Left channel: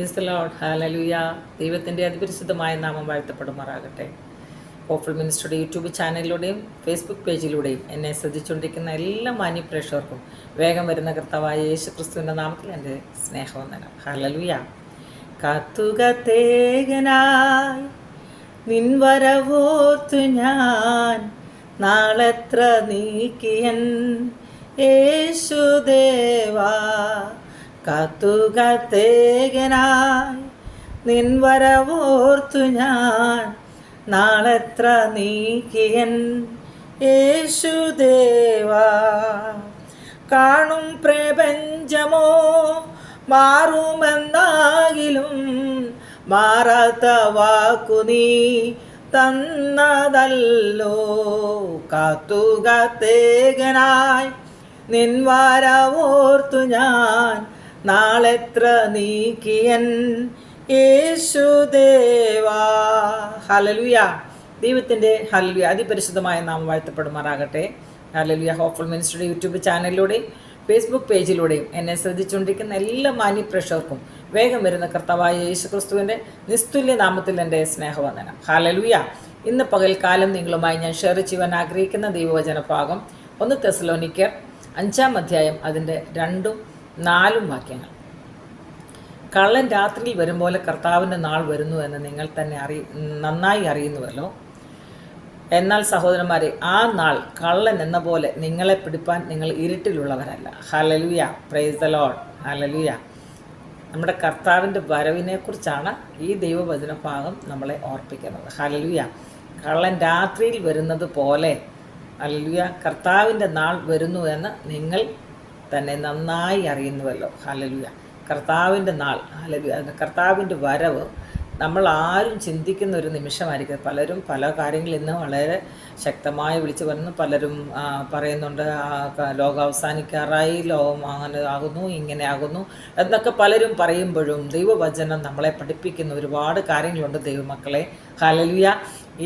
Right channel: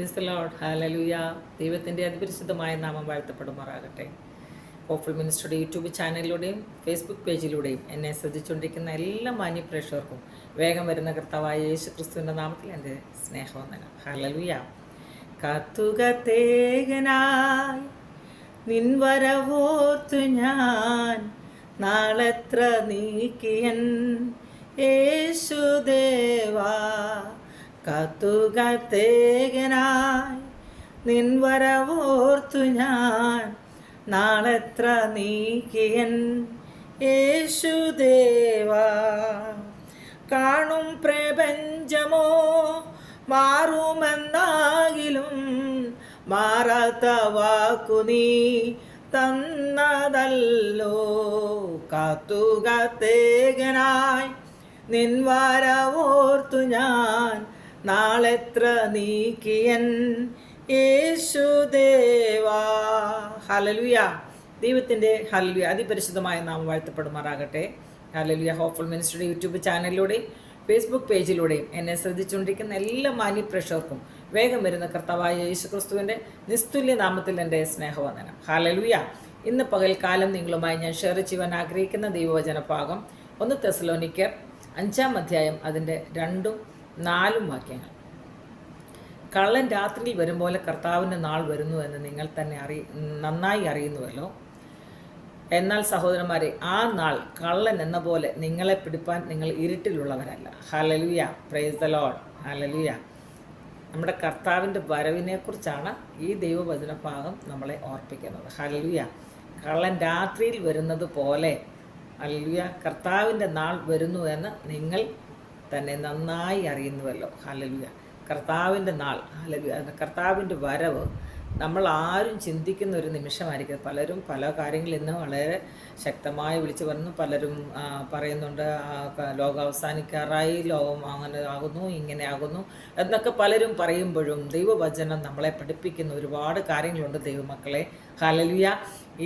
ഹാലലുയ ദൈവത്തിന്റെ അതിപരിശുദ്ധമായ നാമം വാഴ്ത്തപ്പെടുമാറാകട്ടെ. ഓഫിൾ മിനിസ്റ്ററുടെ യൂട്യൂബ് ചാനലിലൂടെയും ഫേസ്ബുക്ക് പേജിലൂടെയും എന്നെ ശ്രദ്ധിച്ചുകൊണ്ടിരിക്കുന്ന എല്ലാ മാന്യ പ്രേക്ഷകർക്കും വേഗം വരുന്ന കർത്താവായ യേശു ക്രിസ്തുവിന്റെ നാമത്തിൽ എന്റെ സ്നേഹവന്ദനം. ഹാലലുയ കത്തുകത്തേകനായി നിൻവരവോർത്തു ഞാൻ. നാളെത്ര നീക്കിയൻ യേശുദേവാ. കാത്തുകാത്തേകനായി നിൻവരവോർത്തു ഞാൻ. നാളെത്ര നീക്കിയൻ യേശുദേവാ കാണും പ്രപഞ്ചമോ മാറുമെന്നാകിലും മാറാത്ത വാക്കു നീ തന്നതല്ലോ. കാത്തുകാത്തേകനായി നിൻവാരവോർത്തു ഞാൻ. നാളെത്ര നീക്കിയൻ യേശുദേവാ ഹലലുയ ദൈവത്തിന്റെ ഹലലുയ അതിപരിശുദ്ധമായ നാം വാഴ്ത്തപ്പെടുമാറാകട്ടെ. ഹലലുയ ഹോപ്പ്ഫുൾ മിനിസ്റ്ററുടെ യൂട്യൂബ് ചാനലിലൂടെയും ഫേസ്ബുക്ക് പേജിലൂടെയും എന്നെ ശ്രദ്ധിച്ചുകൊണ്ടിരിക്കുന്ന എല്ലാ മാന്യ പ്രേക്ഷകർക്കും വേഗം വരുന്ന കർത്താവായ യേശു ക്രിസ്തുവിന്റെ നിസ്തുല്യ നാമത്തിൽ എന്റെ സ്നേഹവന്ദനം. ഹാലലുയ ഇന്ന് പകൽക്കാലം നിങ്ങളുമായി ഞാൻ ഷെയർ ചെയ്യുവാൻ ആഗ്രഹിക്കുന്ന ദൈവവചന ഭാഗം ഒന്ന് തെസലോനിക്കർ അഞ്ചാം അധ്യായം അതിന്റെ രണ്ടും നാലും വാക്യങ്ങൾ. കള്ളൻ രാത്രിയിൽ വരും പോലെ കർത്താവിന്റെ നാൾ വരുന്നു എന്ന് നിങ്ങൾ തന്നെ അറി നന്നായി അറിയുന്നുവല്ലോ. എന്നാൽ സഹോദരന്മാരെ ആ നാൾ കള്ളൻ എന്ന പോലെ നിങ്ങളെ പിടിപ്പാൻ നിങ്ങൾ ഇരുട്ടിലുള്ളവരല്ല. Hallelujah praise the lord hallelujah നമ്മുടെ കർത്താവിന്റെ വരവിനെക്കുറിച്ചാണ് ഈ ദൈവവചന ഭാഗം നമ്മളെ ഓർപ്പിക്കുന്നത്. ഹലലുയ കള്ളൻ രാത്രിയിൽ വരുന്നത് പോലെ അല്ലുയ കർത്താവിന്റെ നാൾ വരുന്നു എന്ന് നിങ്ങൾ തന്നെ നന്നായി അറിയുന്നുവല്ലോ. ഹലലുയ കർത്താവിന്റെ നാൾ ഹലലുയ കർത്താവിന്റെ വരവ് നമ്മൾ ആരും ചിന്തിക്കുന്ന ഒരു നിമിഷമായിരിക്കും. പലരും പല കാര്യങ്ങളിൽ ഇന്ന് വളരെ ശക്തമായി വിളിച്ചു വരുന്നു പലരും പറയുന്നുണ്ട് ലോകം അവസാനിക്കാറായി ലോകം അങ്ങനെ ആകുന്നു ഇങ്ങനെ ആകുന്നു എന്നൊക്കെ പലരും പറയുമ്പോഴും ദൈവവചനം നമ്മളെ പഠിപ്പിക്കുന്ന ഒരുപാട് കാര്യങ്ങളുണ്ട് ദൈവമക്കളെ. ഹലലുയ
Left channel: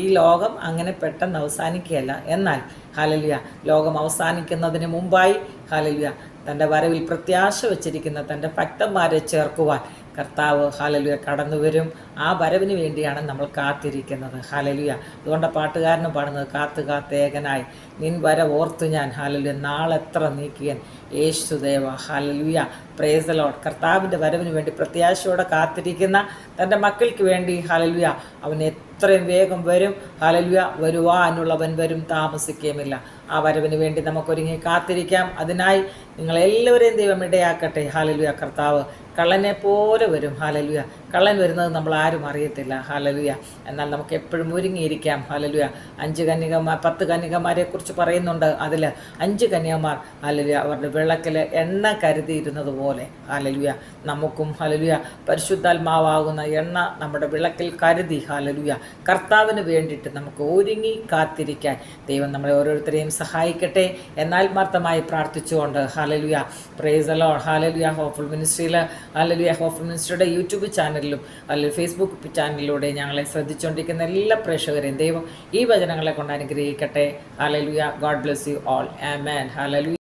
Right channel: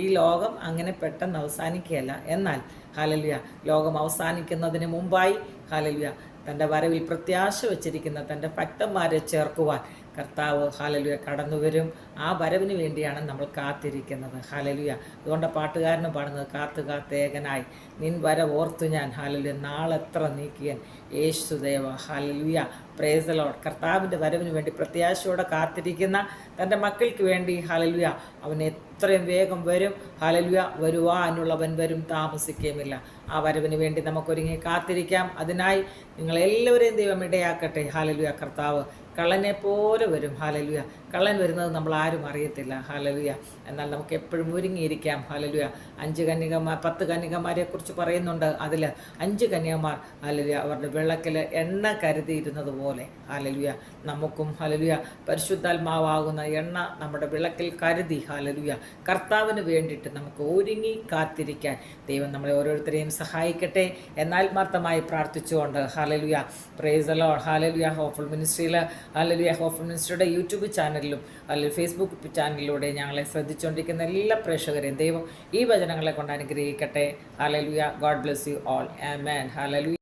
ഈ ലോകം അങ്ങനെ പെട്ടെന്ന് അവസാനിക്കുകയല്ല. എന്നാൽ ഹലലുയ ലോകം അവസാനിക്കുന്നതിന് മുമ്പായി ഹലലുയ തന്റെ വരവിൽ പ്രത്യാശ വച്ചിരിക്കുന്ന തന്റെ ഭക്തന്മാരെ ചേർക്കുവാൻ കർത്താവ് ഹാലലുയ കടന്നു വരും ആ വരവിന് വേണ്ടിയാണ് നമ്മൾ കാത്തിരിക്കുന്നത്. ഹാലലുയ അതുകൊണ്ട് പാട്ടുകാരനും പാടുന്നത് കാത്തു കാത്തേകനായി നിൻ വര ഓർത്തു ഞാൻ ഹാലലുയ നാളെത്ര നീക്കിയൻ യേശുദേവ ഹാലലുയ പ്രേസലോഡ് കർത്താവിന്റെ വരവിന് വേണ്ടി പ്രത്യാശയോടെ കാത്തിരിക്കുന്ന തന്റെ മക്കൾക്ക് വേണ്ടി ഹാലലുയ അവൻ എത്രയും വേഗം വരും. ഹാലലുയ വരുവാനുള്ളവൻ വരും. താമസിക്കുകയുമില്ല. ആ വരവിന് വേണ്ടി നമുക്കൊരുങ്ങി കാത്തിരിക്കാം. അതിനായി നിങ്ങളെല്ലാവരെയും ദൈവം ഇടയാക്കട്ടെ. ഹാലലുയ കർത്താവ് കള്ളനെ പോലെ വരും. ഹാലലുയ കള്ളൻ വരുന്നത് നമ്മൾ ആരും അറിയത്തില്ല. ഹാലലുയ എന്നാൽ നമുക്ക് എപ്പോഴും ഒരുങ്ങിയിരിക്കാം. ഹാലലുയ അഞ്ച് കന്യകമാർ പത്ത് കന്യകമാരെ കുറിച്ച് പറയുന്നുണ്ട്. അതിൽ അഞ്ച് കന്യകമാർ ഹാലലുയ അവരുടെ വിളക്കിൽ എണ്ണ കരുതിയിരുന്നത് പോലെ. ഹാലലുയ നമുക്കും ഹാലലുയ പരിശുദ്ധാത്മാവാകുന്ന എണ്ണ നമ്മുടെ വിളക്കിൽ കരുതി. ഹാലലുയ കർത്താവിന് വേണ്ടിയിട്ട് നമുക്ക് ഒരുങ്ങി കാത്തിരിക്കാൻ ദൈവം നമ്മളെ ഓരോരുത്തരെയും സഹായിക്കട്ടെ എന്നാത്മാർത്ഥമായി പ്രാർത്ഥിച്ചുകൊണ്ട്. ഹാലലുയ പ്രേസലോ ഹാലലുയ ഹോഫുൾ മിനിസ്ട്രിയിൽ ഹാലലുയ ഹോഫുൾ മിനിസ്ട്രിയുടെ യൂട്യൂബ് ചാനലിലും അല്ലെങ്കിൽ ഫേസ്ബുക്ക് ചാനലിലൂടെ ഞങ്ങളെ ശ്രദ്ധിച്ചുകൊണ്ടിരിക്കുന്ന എല്ലാ പ്രേക്ഷകരെയും ദൈവം ഈ വചനങ്ങളെ കൊണ്ട് അനുഗ്രഹിക്കട്ടെ. Hallelujah God bless you all amen hallelujah